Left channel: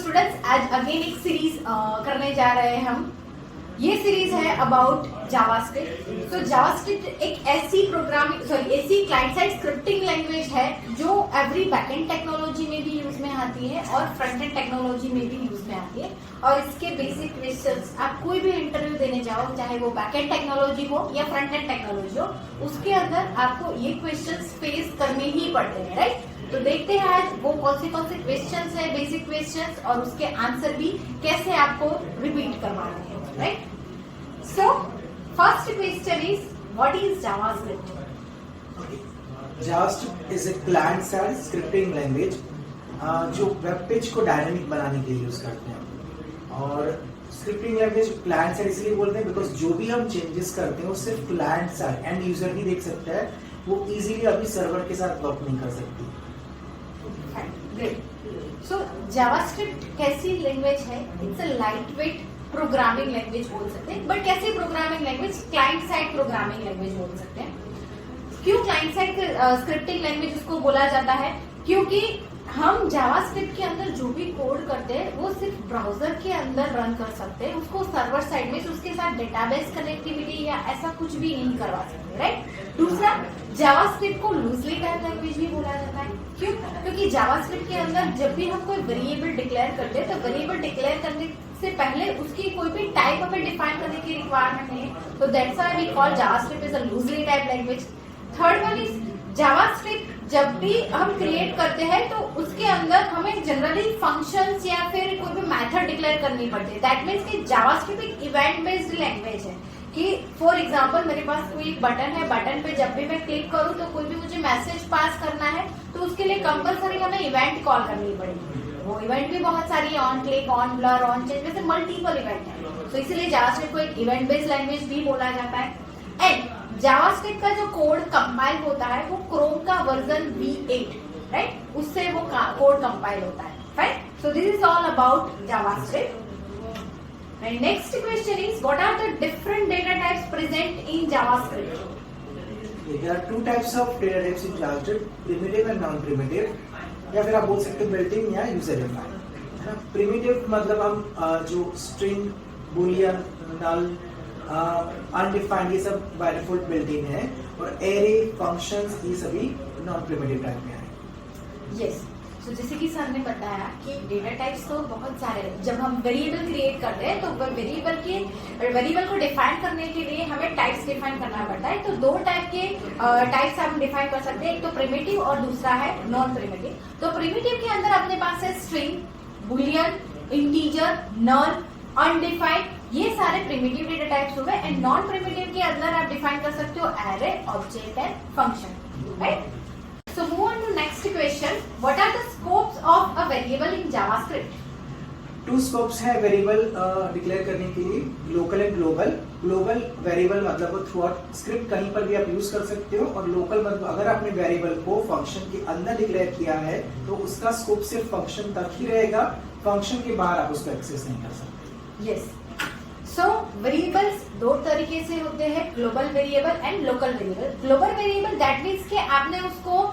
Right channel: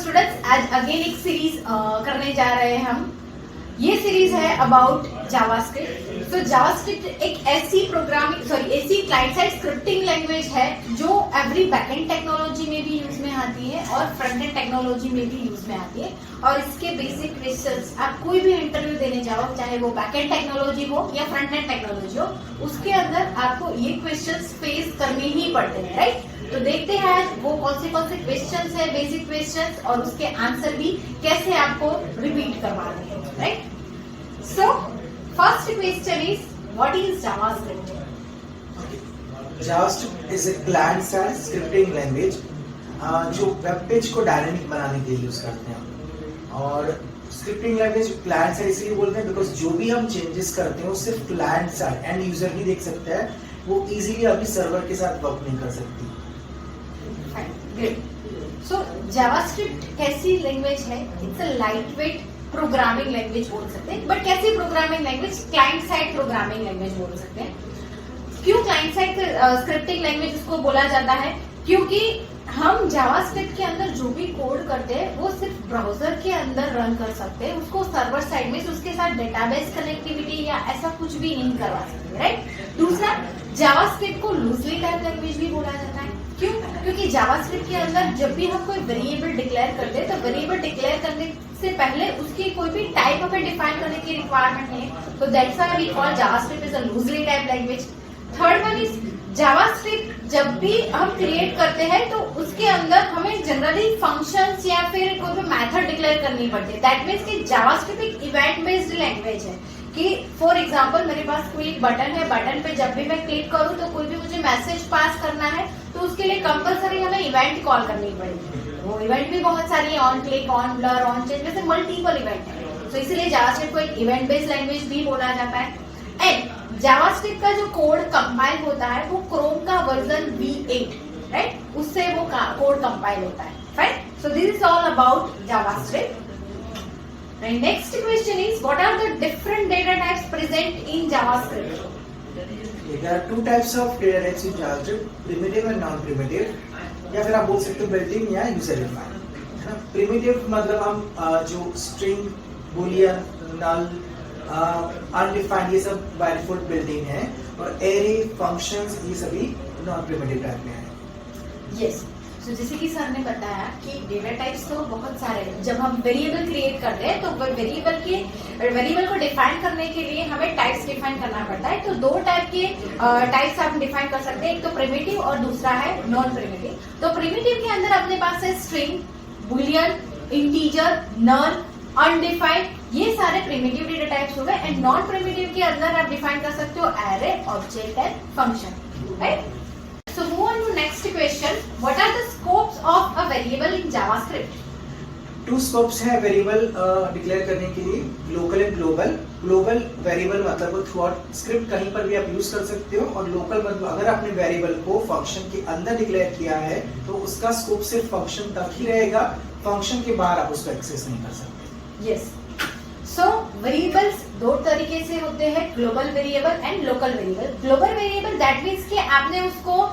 Students आज again एक series करने जा रहे हैं हम। ये सीरीज है अबाउट जावास्क्रिप्ट। तो जावास्क्रिप्ट एक ऐसी क्लाइंट साइड स्क्रिप्टिंग लैंग्वेज है जो एवरी बैकएंड टेक्नोलॉजी में भी यूज में आती है और फ्रंट एंड टेक्नोलॉजी में भी यूज में आती है। और इसके बेसिक क्वेश्चंस आप कोई भी इंटरव्यू देने जाओ, चाहे वो बैकएंड टेक्नोलॉजी हो या फ्रंट एंड टेक्नोलॉजी हो, उसके अंदर आपको ये क्वेश्चंस फेस करने ही पड़ते हैं, राइट। तो देखते हैं आज वो कौन से क्वेश्चंस है, बेसिक क्वेश्चंस, और उसके आंसर भी कैसे आपको रिपीट करवाने हैं, right. So first question is what is JavaScript? JavaScript is a client side scripting language जो वेब पेज को डायनामिक बनाने के लिए यूज करते हैं। और स्क्रिप्टिंग लैंग्वेज क्लाइंट साइड इसलिए बोलते हैं बिकॉज जो भी हम चेंजेस करते हैं वो सिर्फ क्लाइंट साइड एंड यूजर ही देख सकता है, वो इजीली अपनी सर्वर के साथ वर्क नहीं कर सकती। ग्रेट। सो जावास्क्रिप्ट कैसी लैंग्वेज है? It's a light weight programming language बोल सकते हैं। बट कैसी programming language? Client side programming language बोल सकते हैं। क्यों क्लाइंट साइड स्क्रिप्टिंग लैंग्वेज उसको बोला जाता है? क्योंकि हम जावास्क्रिप्ट के अंदर जो भी कोड करते हैं वो सिर्फ ब्राउजर के अंदर रन कर सकते हैं, उसको सर्वर साइड में उसके साथ डेटाबेस कनेक्टिविटी या ऐसा कुछ भी नहीं करवा सकते, राइट। दूसरा, जावास्क्रिप्ट को लूजली टाइप लैंग्वेज भी बोला जाता है। क्यों? क्योंकि जावास्क्रिप्ट के अंदर जब भी हम कोई वेरिएबल डिक्लेयर करते हैं तो वेरिएबल डिक्लेयर करने से पहले उसकी कोई भी टाइप हमें डिफाइन करने की रिक्वायरमेंट नहीं है। तो that's why we call JavaScript is a loosely type language. Third one is JavaScript जब भी हम क्रिएट करते हैं तो उसके अंदर हमें जनरली फंक्शंस या फिर कोई भी मेथड डिक्लेयर करनी पड़ती है। दैट मीन्स कि जावास्क्रिप्ट एक इवेंट बेस्ड लैंग्वेज है कि फॉर एग्जांपल मेरे पास कोई बटन है, बटन पे जब भी मैं क्लिक करूं तो कोई भी मुझे मैसेज पास करना है तो उसके लिए कंपलसरी हमें इवेंट कॉल करनी पड़ेगी। वो इवेंट भी बहुत सारी है, on click, on blur, on change, वैसे मल्टीपल इवेंट है। तो इसीलिए जावास्क्रिप्ट को एक इवेंट बेस्ड लैंग्वेज भी बोला जाता है। एंड जावास्क्रिप्ट का जो कोड कंपाइल होता है वो क्रोम का वर्जन V8, राइट, उससे वो कोड कंपाइल होता है, right. So this is all about JavaScript. And next question is, what are the different data types present in JavaScript? There are two types of data types in JavaScript, primitive and non-primitive, या फिर आप बोल सकते हो built-in या user defined। Primitive मतलब हम जो string, boolean, null, undefined ये सब by default built-in है, और array, functions ये सभी non-primitive टाइप में है। Yes. तो जैसे कि सर ने बताया कि डेटा टाइप्स तो बहुत सारे हैं। जब हम वेरिएबल क्रिएट करते हैं तो वेरिएबल को डिफाइन करने के लिए हमें टाइप्स डिफाइन करना पड़ता है। तो दो टाइप के टाइप्स हम डिफाइन कर सकते हैं, एक तो प्रिमिटिव और दूसरा है नॉन प्रिमिटिव। तो प्रिमिटिव के अंदर अपने पास है स्ट्रिंग, बुलियन, इंटीजर, नल, अनडिफाइंड, ये सारे प्रिमिटिव डेटा टाइप्स हो गए। एंड नॉन प्रिमिटिव के अंदर आप डिफाइन कर सकते हो array, object and function, right. So move on to next question. What are the scopes of a variable in JavaScript? Two scopes है वेरिएबल डिक्लेयर करने के लिए, local and global. Global variable मतलब थ्रू आउट स्क्रिप्ट कहीं पर भी आप use कर सकते हो, और लोकल मतलब अगर आपने वेरिएबल को फंक्शन के अंदर डिक्लेयर किया है तो उसका स्कोप सिर्फ फंक्शन तक ही रहेगा, फंक्शन के बाहर आप उसको एक्सेस नहीं कर सकते। Yes. सो वेरिएबल्स दो तरीके से होते हैं, global variable and local variable. Global variable that means कि आपने उसको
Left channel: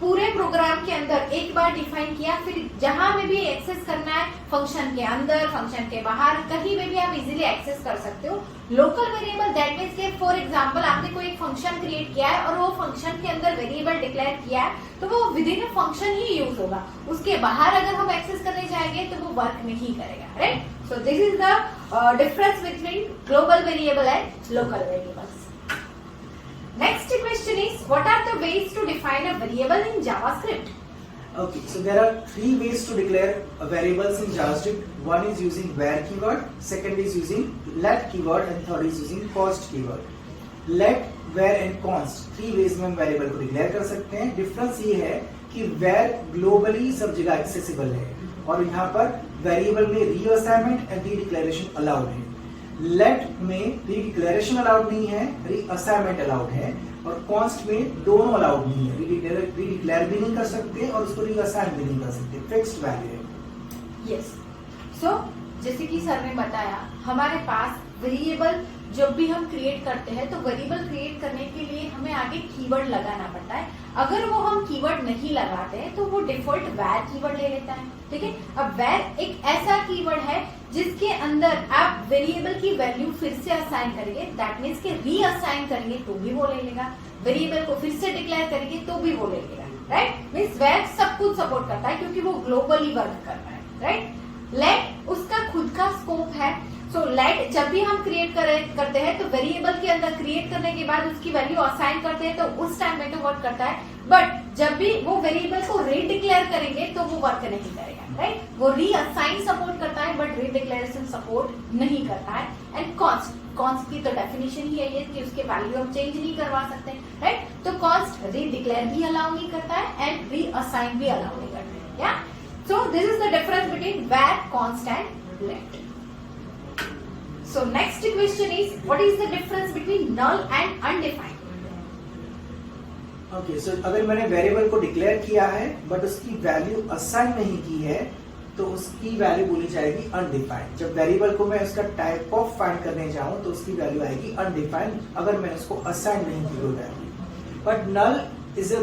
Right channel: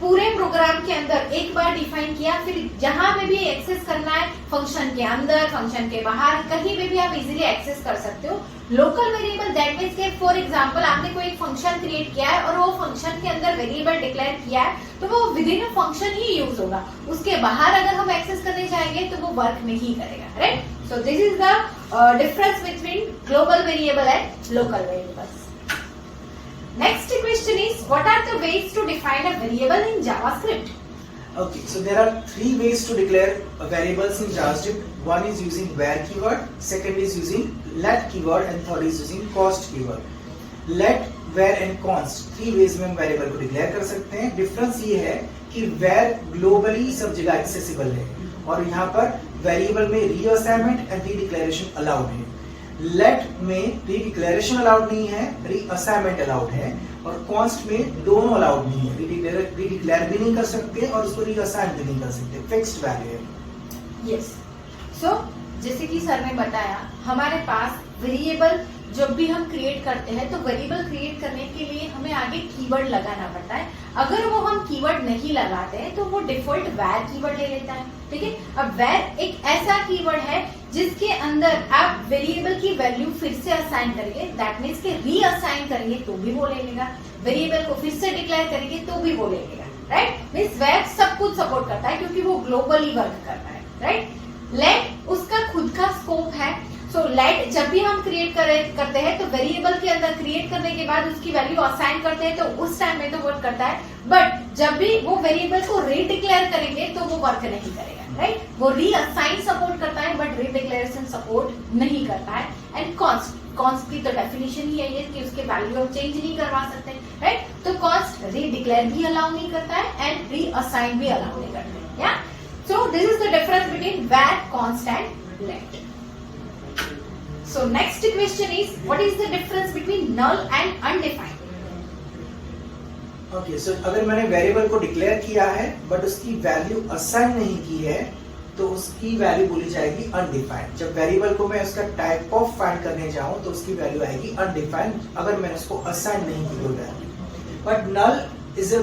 पूरे प्रोग्राम के अंदर एक बार डिफाइन किया, फिर जहां में भी एक्सेस करना है, फंक्शन के अंदर, फंक्शन के बाहर, कहीं में भी आप इजीली एक्सेस कर सकते हो। लोकल वेरिएबल दैट मीन्स कि फॉर एग्जांपल आपने कोई फंक्शन क्रिएट किया है और वो फंक्शन के अंदर वेरिएबल डिक्लेयर किया है तो वो with in a function he use होगा, उसके बाहर अगर हम एक्सेस करने जाएंगे तो वो वर्क नहीं करेगा, right. So this is the difference between global variable and local variables. Next question is, what are the ways to define a variable in JavaScript? Okay, so there are three ways to declare variables in JavaScript. One is using where keyword, second is using let keyword, and third is using const keyword. Let, where and const, three ways में हम variable को declare कर सकते हैं। Difference ये है कि where globally सब जगह एक्सेसिबल है और यहाँ पर वेरिएबल में रीअसाइनमेंट एंड रीडिक्लेरेशन अलाउड है। लेट में रीडिक्लेरेशन अलाउड नहीं है, रीअसाइनमेंट अलाउड है, और कॉन्स्ट में दोनों अलाउड नहीं है, रीडिक्लेयर भी नहीं कर सकते और उसको रीअसाइन भी नहीं कर सकते, फिक्स्ड वैल्यू है। यस। सो जैसे कि सर ने बताया हमारे पास वेरिएबल जब भी हम क्रिएट करते हैं तो वेरिएबल क्रिएट करने के लिए हमें आगे कीवर्ड लगाना पड़ता है। अगर वो हम कीवर्ड नहीं लगाते हैं तो वो डिफॉल्ट वैर कीवर्ड ले लेता है। ठीक है, अब वैर एक ऐसा कीवर्ड है जिसके अंदर आप वेरिएबल की वैल्यू फिर से असाइन करेंगे, दैट मीन्स के रीअसाइन करेंगे तो भी वो ले लेगा, वेरिएबल को फिर से डिक्लेयर करेंगे तो भी वो ले लेगा। राइट, मीन्स वैर सब कुछ सपोर्ट करता है क्योंकि वो ग्लोबली वर्क करता है। राइट, लेट उसका खुद का स्कोप है। सो लेट जब भी हम क्रिएट करते हैं तो वेरिएबल के अंदर क्रिएट करने के बाद उसकी वैल्यू असाइन करते हैं तो उस टाइम में तो वर्क करता है, बट जब भी वो वेरिएबल को रीडिक्लेयर करेंगे तो वो वर्क नहीं करेगा। राइट, वो रीअसाइन सपोर्ट करता है बट रीडिक्लेरेशन सपोर्ट नहीं करता है। एंड कॉन्स्ट की तो डेफिनेशन ही है कि उसके वैल्यू हम चेंज नहीं करवा सकते। राइट, तो कॉन्स्ट रीडिक्लेयर भी अलाउ नहीं करता है एंड रीअसाइन भी अलाउ नहीं करता है। Yeah so this is the difference between var, const and let. So next question is, what is the difference between null and undefined? Okay, so अगर मैंने वेरिएबल को डिक्लेयर किया है बट उसकी वैल्यू असाइन नहीं की है तो उसकी वैल्यू बोली जाएगी अनडिफाइंड। जब वेरिएबल को मैं उसका टाइप ऑफ फाइंड करने जाऊं तो उसकी वैल्यू आएगी अनडिफाइंड अगर मैंने उसको असाइन नहीं की कोई value. But null is a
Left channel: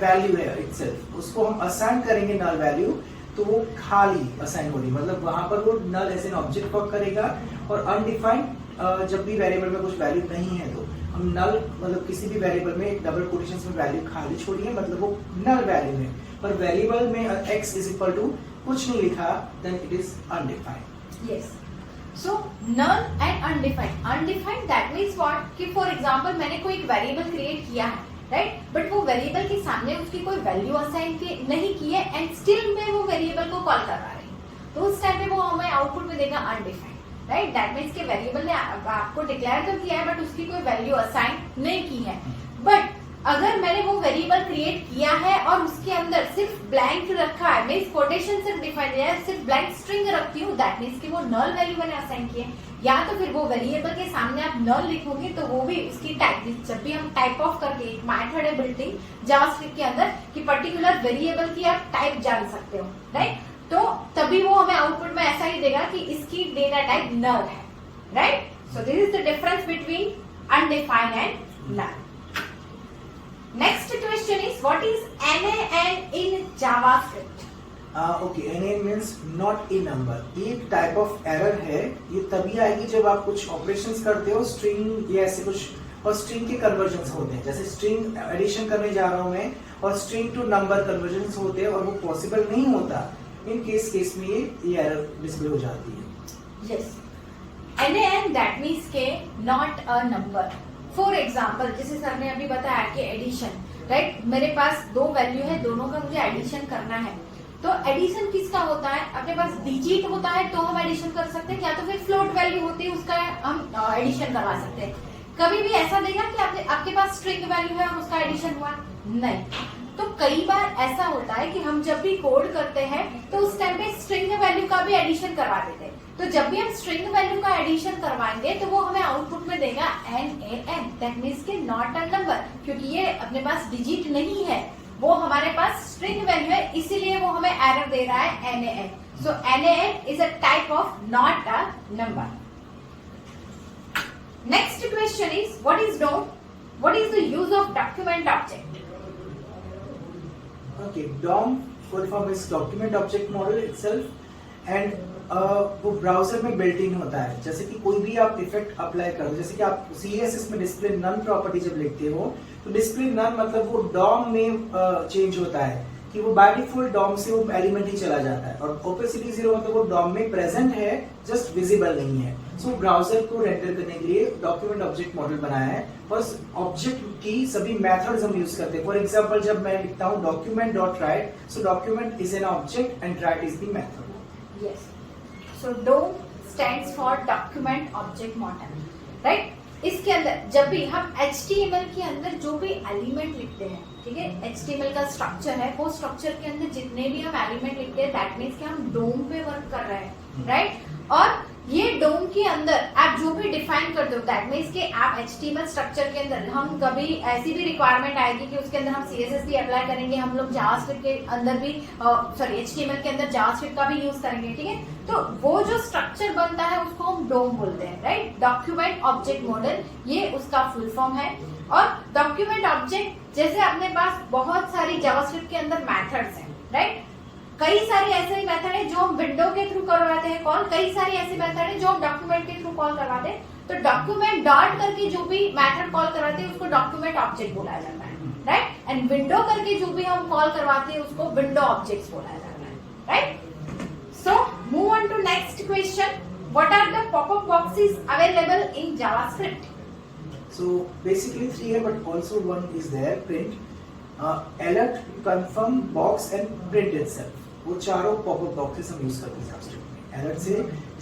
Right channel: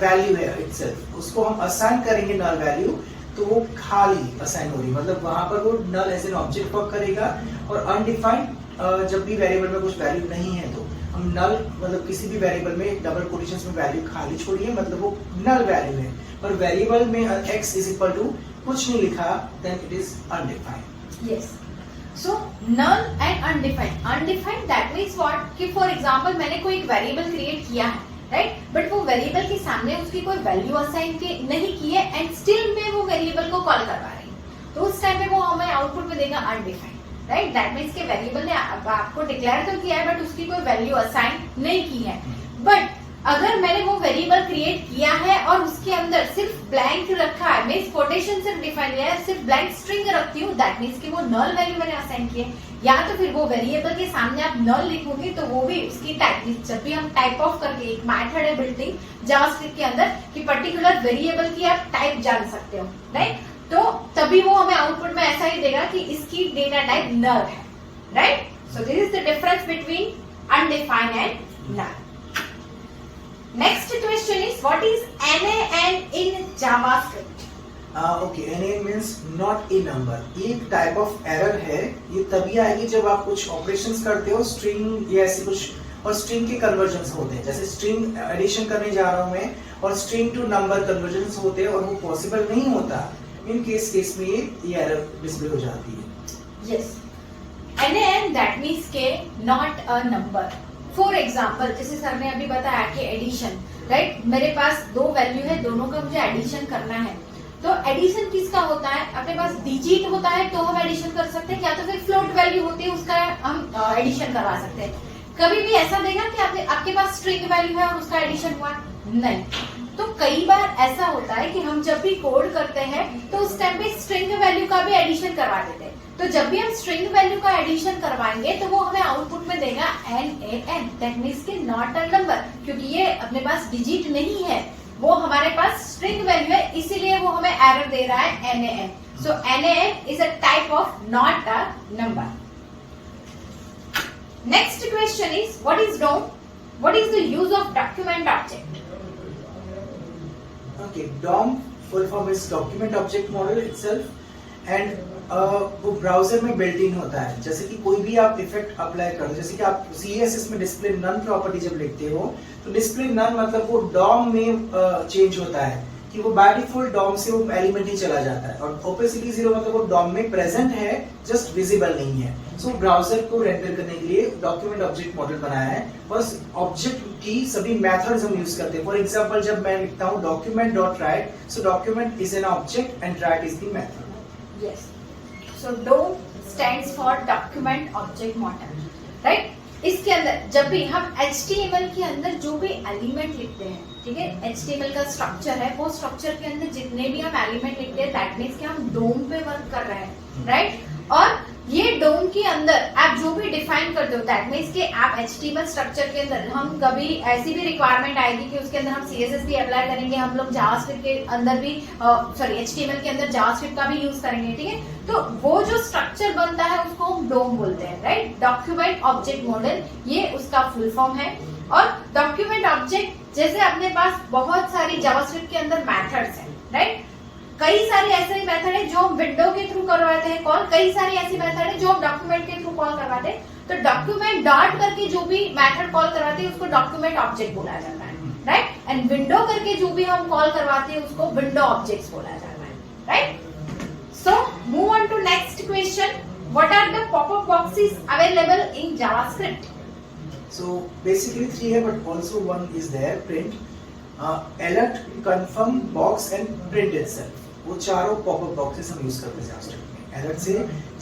value है इटसेल्फ, उसको हम असाइन करेंगे नल वैल्यू तो वो खाली असाइन हो रही, मतलब वहां पर वो नल एज एन ऑब्जेक्ट वर्क करेगा। और अनडिफाइंड जब भी वेरिएबल में कुछ वैल्यू नहीं है तो हम नल मतलब किसी भी वेरिएबल में डबल कोटेशंस में वैल्यू खाली छोड़िए, मतलब वो नल वैल्यू है। पर वेरिएबल में x इज इक्वल टू कुछ नहीं लिखा then it is undefined. Yes, so null and undefined. Undefined that means what कि फॉर एग्जांपल मैंने कोई एक वेरिएबल क्रिएट किया है, राइट, बट वो वेरिएबल के सामने उसकी कोई वैल्यू असाइन नहीं की है एंड स्टिल में वो वेरिएबल को कॉल करवा रही है, तो उस टाइम पे वो हमें आउटपुट में देगा अनडिफाइंड। राइट, दैट मीन्स के वेरिएबल ने आपको डिक्लेयर तो किया है बट उसकी कोई वैल्यू असाइन नहीं की है। बट अगर मैंने वो वेरिएबल क्रिएट किया है और उसके अंदर सिर्फ ब्लैंक रखा है, मीन्स कोटेशन सिर्फ डिफाइन किया है, सिर्फ ब्लैंक स्ट्रिंग रखती हूँ, दैट मीन्स कि वो नल वैल्यू मैंने असाइन की है। या तो फिर वो वेरिएबल के सामने आप नल लिखोगे तो वो भी उसकी टाइप, जब भी हम टाइप ऑफ करके एक मेथड है बिल्डिंग जावास्क्रिप्ट के अंदर कि पर्टिकुलर वेरिएबल की आप टाइप जान सकते हो। राइट, तो तभी वो हमें आउटपुट में ऐसा ही देगा कि इसकी डेटा टाइप नल है। Right, so this is the difference between undefined and null. Next question is, what is NaN in JavaScript? Okay, NaN means not a number। ये एक टाइप ऑफ एरर है, ये तभी आएगी जब आप कुछ ऑपरेशंस करते हो स्ट्रिंग या ऐसे कुछ, और स्ट्रिंग के कन्वर्जन्स होते हैं, जैसे स्ट्रिंग एडिशन करने जा रहा हूं मैं और स्ट्रिंग टू नंबर कन्वर्जन्स होते हैं और वो पॉसिबल नहीं होता, इन केस में ये एरर डिस्प्ले हो जाती है। Yes, NaN that means के not a number। For example जैसे सर ने अभी बताया कि एडिशन, राइट, मेरे पास दो वैल्यू है, दोनों का मुझे एडिशन करना है, तो एडिशन किसका होता है, अपने पास डिजिट होता है तो हम एडिशन कर सकते हैं, या तो फिर फ्लोट वैल्यू होती है उसका हम एडिशन करवा सकते हैं। कभी भी ऐसा देगा कि आपके पास स्ट्रिंग वैल्यू है और उसका एडिशन हुआ नहीं। तो कई बार ऐसा होता है कि हम जब भी कोड करते हैं तो उस टाइम पे स्ट्रिंग वैल्यू का भी एडिशन करवा देते हैं, तो जब भी हम स्ट्रिंग वैल्यू का एडिशन करवाएंगे तो वो हमें आउटपुट में देगा NaN, दैट मीन्स के नॉट अ नंबर, क्योंकि ये अपने पास डिजिट नहीं है, वो हमारे पास स्ट्रिंग वैल्यू है, इसीलिए वो हमें एरर दे रहा है NaN। So NaN is a type of not a number. Next question is, what is DOM? What is the use of document object? Okay, DOM full form is document object model itself and वो browser में built in होता है। जैसे कि कोई भी आप effect apply कर दो, जैसे कि आप CSS में डिस्प्ले नन प्रॉपर्टी जब लिखते हो तो डिस्प्ले नन मतलब वो DOM में चेंज होता है कि वो बाय डिफॉल्ट DOM से वो एलिमेंट ही चला जाता है, और ओपेसिटी 0 मतलब वो DOM में प्रेजेंट है, जस्ट विजिबल नहीं है। सो ब्राउजर को रेंडर करने के लिए डॉक्यूमेंट ऑब्जेक्ट मॉडल बनाया है, बस ऑब्जेक्ट की सभी मेथड्स हम यूज करते हैं। फॉर एग्जांपल जब मैं लिखता हूँ document.write, so document is an object and write is the method. Yes, so DOM stands for document object model, right. इसके अंदर जब भी हम HTML के अंदर जो भी एलिमेंट लिखते हैं, ठीक है, HTML का स्ट्रक्चर है, वो स्ट्रक्चर के अंदर जितने भी हम एलिमेंट लिखते हैं दैट मीन्स कि हम DOM पे वर्क कर रहे हैं, राइट। और ये DOM के अंदर आप जो भी डिफाइन करते हो, दैट मीन्स कि आप HTML स्ट्रक्चर के अंदर हम कभी ऐसी भी रिक्वायरमेंट आएगी कि उसके अंदर हम CSS भी अप्लाई करेंगे, हम लोग जावास्क्रिप्ट के अंदर भी HTML के अंदर जावास्क्रिप्ट का भी यूज करेंगे, ठीक है। तो वो जो स्ट्रक्चर बनता है उसको हम डोम बोलते हैं, राइट। डॉक्यूमेंट ऑब्जेक्ट मॉडल, ये उसका फुल फॉर्म है। और डॉक्यूमेंट ऑब्जेक्ट, जैसे अपने पास बहुत सारी जावास्क्रिप्ट के अंदर मेथड्स हैं, राइट। कई सारे ऐसे मेथड है जो हम विंडो के थ्रू करवाते हैं कॉल, कई सारी ऐसी मेथड है जो हम डॉक्यूमेंट के थ्रू कॉल करवाते हैं। तो डॉक्यूमेंट डॉट करके जो भी मेथड कॉल करवाते हैं उसको डॉक्यूमेंट ऑब्जेक्ट बोला जाता है, राइट। एंड विंडो करके जो भी हम कॉल करवाते हैं उसको विंडो ऑब्जेक्ट्स बोला जाता है, right. So move on to next question, what are the popup boxes available in JavaScript? So basically three है, but also one is there, print, alert, confirm, box and print itself. वो चारों popup boxes हम use करते हैं JavaScript में। Alert से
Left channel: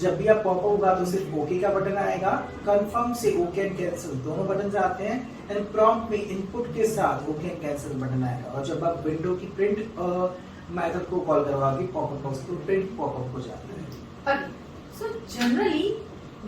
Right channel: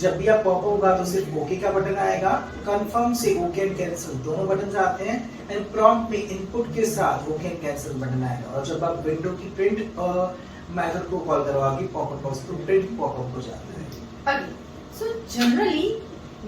जब भी आप पॉपअप होगा तो सिर्फ ओके का बटन आएगा, कंफर्म से ओके एंड कैंसिल दोनों बटन आते हैं, एंड प्रॉम्प्ट में इनपुट के साथ ओके एंड कैंसिल बटन आएगा। और जब आप विंडो की प्रिंट मेथड को कॉल करवाओगे पॉपअप बॉक्स तो प्रिंट पॉपअप हो जाता है। सो जनरली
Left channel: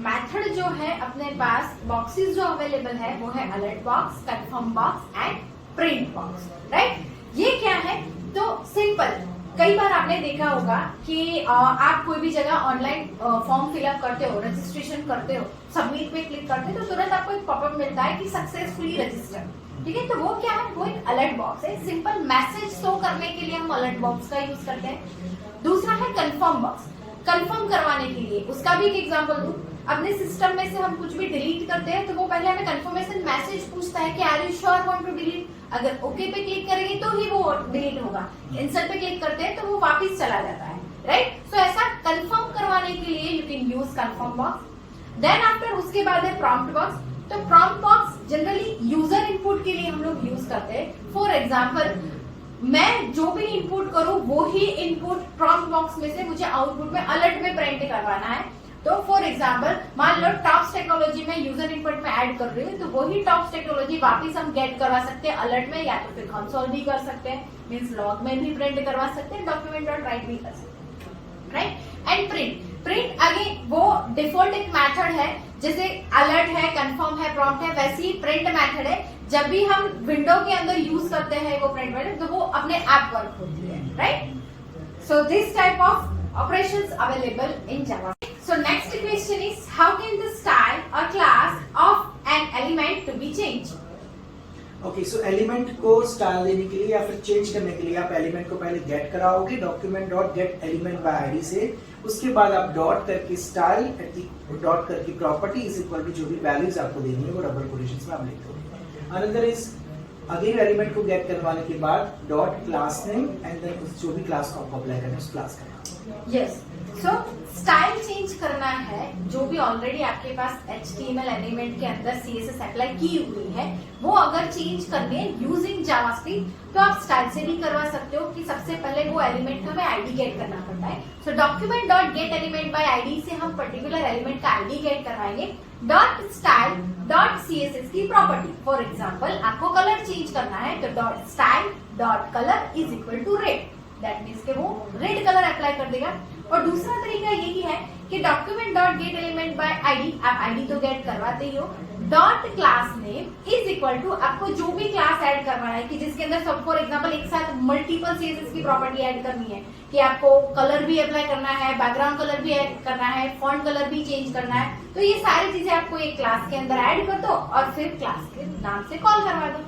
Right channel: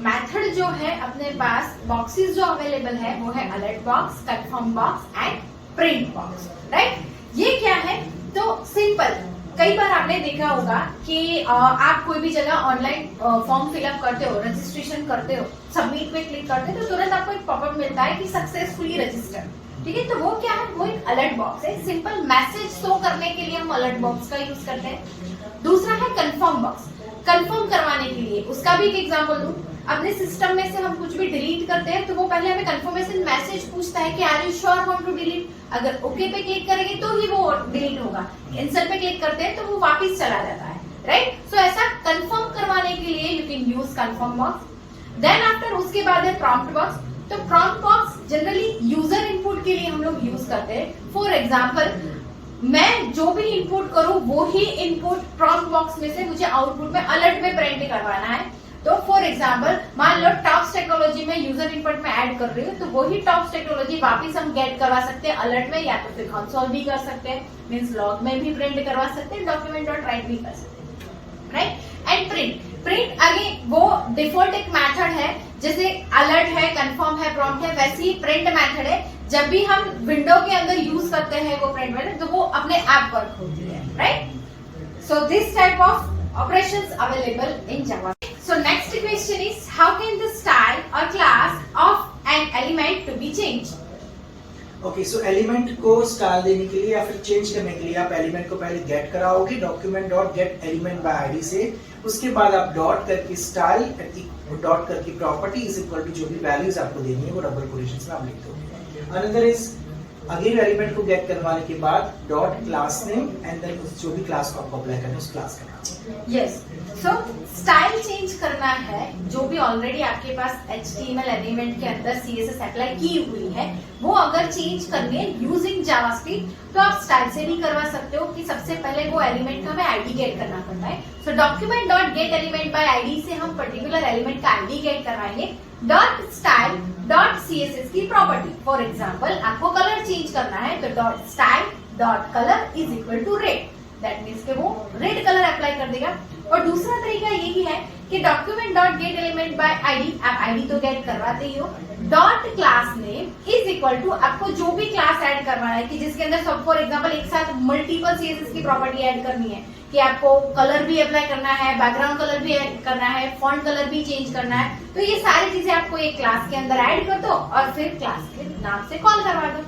मेथड जो है अपने पास बॉक्सेस जो अवेलेबल है वो है alert box, confirm box and print box, right. ये क्या है? तो सिंपल, कई बार आपने देखा होगा कि आप कोई भी जगह ऑनलाइन फॉर्म फिलअप करते हो, रजिस्ट्रेशन करते हो, सबमिट पे क्लिक करते हो तो तुरंत आपको एक पॉपअप मिलता है कि सक्सेसफुली रजिस्टर्ड, ठीक है। तो वो क्या है? वो एक अलर्ट बॉक्स है। सिंपल मैसेज शो करने के लिए हम अलर्ट बॉक्स का यूज करते हैं। दूसरा है कंफर्म बॉक्स, कंफर्म करवाने के लिए। उसका भी एक एग्जांपल दूं, अपने सिस्टम में से हम कुछ भी डिलीट करते हैं तो वो पहले हमें कंफर्मेशन मैसेज पूछता है कि are you sure want to delete. अगर ओके पे क्लिक करेंगे तो ही वो डिलीट होगा, कैंसिल पे क्लिक करते हैं तो वो वापस चला जाता है, राइट। सो ऐसा कंफर्म करवाने के लिए you can use confirm box. Then after उसके बाद है प्रॉम्प्ट बॉक्स। तो prompt box generally user input के लिए हम लोग यूज करते हैं। फॉर एग्जाम्पल, मैं जो भी इनपुट करूं वो ही इनपुट प्रॉम्प्ट बॉक्स में से मुझे आउटपुट में अलर्ट में प्रिंट करवाना है। तो फॉर एग्जाम्पल मान लो टॉप्स टेक्नोलॉजी में यूजर इनपुट में ऐड कर रही हूँ तो वही टॉप्स टेक्नोलॉजी वापस हम गेट करवा सकते हैं अलर्ट में, या तो फिर कंसोल भी कर सकते हैं, मींस लॉग में भी प्रिंट करवा सकते हैं, डॉक्यूमेंट डॉट राइट भी कर सकते हैं, राइट। एंड प्रिंट अगेन वो डिफॉल्ट एक मेथड है, जैसे अलर्ट है, कंफर्म है, प्रॉम्प्ट है, वैसे ही प्रिंट मेथड है। जब भी हम विंडो के अंदर यूज करते हैं वो प्रिंट मेथड तो वो अपने आप वर्क होती है, right. So this type of operations available in Java. So next question is, how can the style or class of an element to be changed? Okay, so element को style देने के लिए या फिर चेंज करने के लिए आप एलिमेंट को पहले गेट कराओगे document dot get element by ID से। उसके बाद आप डॉट करके स्टाइल डॉट करके प्रॉपर्टी इज इक्वल टू जो भी वैल्यूज आपको देनी है वो डबल कोटेशंस में आप लिख दोगे। अनदर इज अगेन एलिमेंट को गेट करवाने के बाद dot class name and then जो भी क्लास को आपको अप्लाई करना है उस क्लास का नाम। यस, सो स्टाइल चेंज करना है जो भी ऑलरेडी आपके पास HTML एलिमेंट के अंदर CSS अप्लाई की हुई है वो अगर चेंज करनी है यूजिंग जावास्क्रिप्ट तो आप स्टाइल से भी करवा सकते हो कि सबसे पहले वो एलिमेंट का हमें आईडी गेट करना पड़ता है। So document dot get element by ID से हम पर्टिकुलर एलिमेंट का आईडी गेट करवाएंगे। डॉट स्टाइल डॉट CSS की प्रॉपर्टी, फॉर एग्जाम्पल आपको कलर चेंज करना है तो dot style dot colour is equal to red, that means के वो रेड कलर अप्लाई कर देगा। और दूसरा तरीका यही है कि document dot get element by ID, आप आईडी तो गेट करवाते ही हो, dot class name is equal to आपको जो भी क्लास ऐड करवाना है कि जिसके अंदर सब फॉर एग्जांपल एक साथ मल्टीपल CSS की प्रॉपर्टी ऐड करनी है कि आपको कलर भी अप्लाई करना है, बैकग्राउंड कलर भी ऐड करना है, फॉन्ट कलर भी चेंज करना है, तो ये सारी चीजें आपको एक क्लास के अंदर ऐड कर दो और फिर क्लास के नाम से कॉल करवा दो,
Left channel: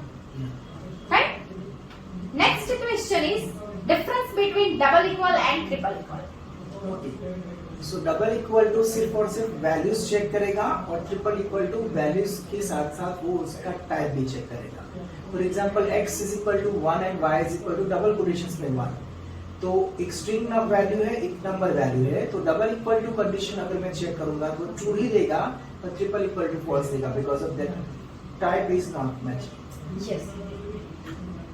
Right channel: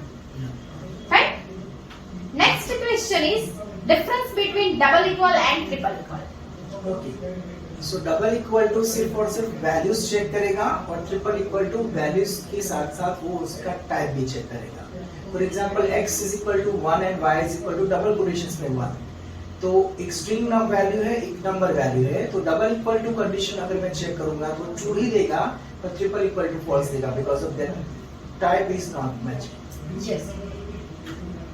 right. Next question is difference between double equal and triple equal. Okay, so double equal to सिर्फ और सिर्फ वैल्यूज चेक करेगा और ट्रिपल इक्वल टू वैल्यूज के साथ साथ वो उसका टाइप भी चेक करेगा। For example x is equal to 1 and y is equal to double quotations में 1, तो एक स्ट्रिंग वैल्यू है, एक नंबर वैल्यू है, तो डबल इक्वल टू कंडीशन अगर मैं चेक करूंगा तो ट्रू ही देगा, तो ट्रिपल इक्वल टू फॉल्स देगा because of that type is not matching. Yes,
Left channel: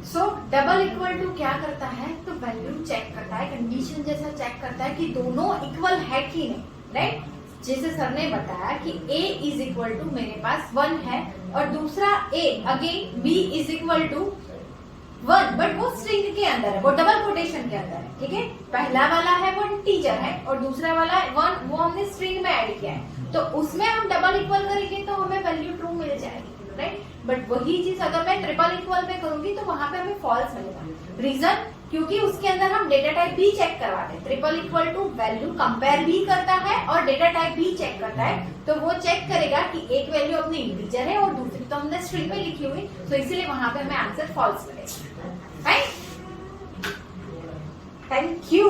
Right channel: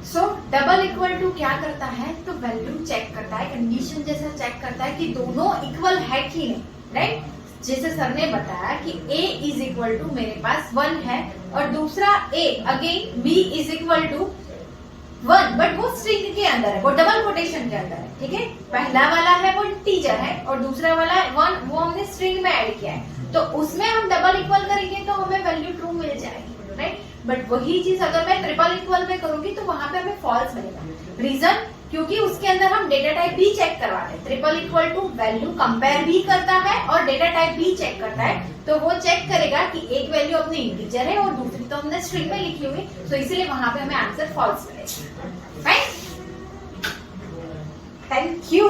so double equal to क्या करता है तो वैल्यू चेक करता है, कंडीशन जैसा चेक करता है कि दोनों इक्वल है कि नहीं, राइट। जैसे सर ने बताया कि a इज इक्वल टू मेरे पास 1 है और दूसरा a again b is equal to 1, but वो स्ट्रिंग के अंदर है, वो डबल कोटेशन के अंदर है, ठीक है। पहला वाला है वो इंटीजर है और दूसरा वाला 1 वो हमने स्ट्रिंग में ऐड किया है। तो उसमें हम डबल इक्वल करेंगे तो हमें वैल्यू ट्रू मिल जाएगी, राइट। बट वही चीज अगर मैं ट्रिपल इक्वल में करूंगी तो वहां पे हमें फॉल्स मिलेगा। रीजन, क्योंकि उसके अंदर हम डेटा टाइप भी चेक करवाते हैं। Triple equal to value compare भी करता है और डेटा टाइप भी चेक करता है। तो वो चेक करेगा कि एक वैल्यू अपनी इंटीजर है और दूसरी तो हमने स्ट्रिंग में लिखी हुई, तो इसीलिए वहां पे हमें आंसर फॉल्स मिलेगा, राइट। Thank you.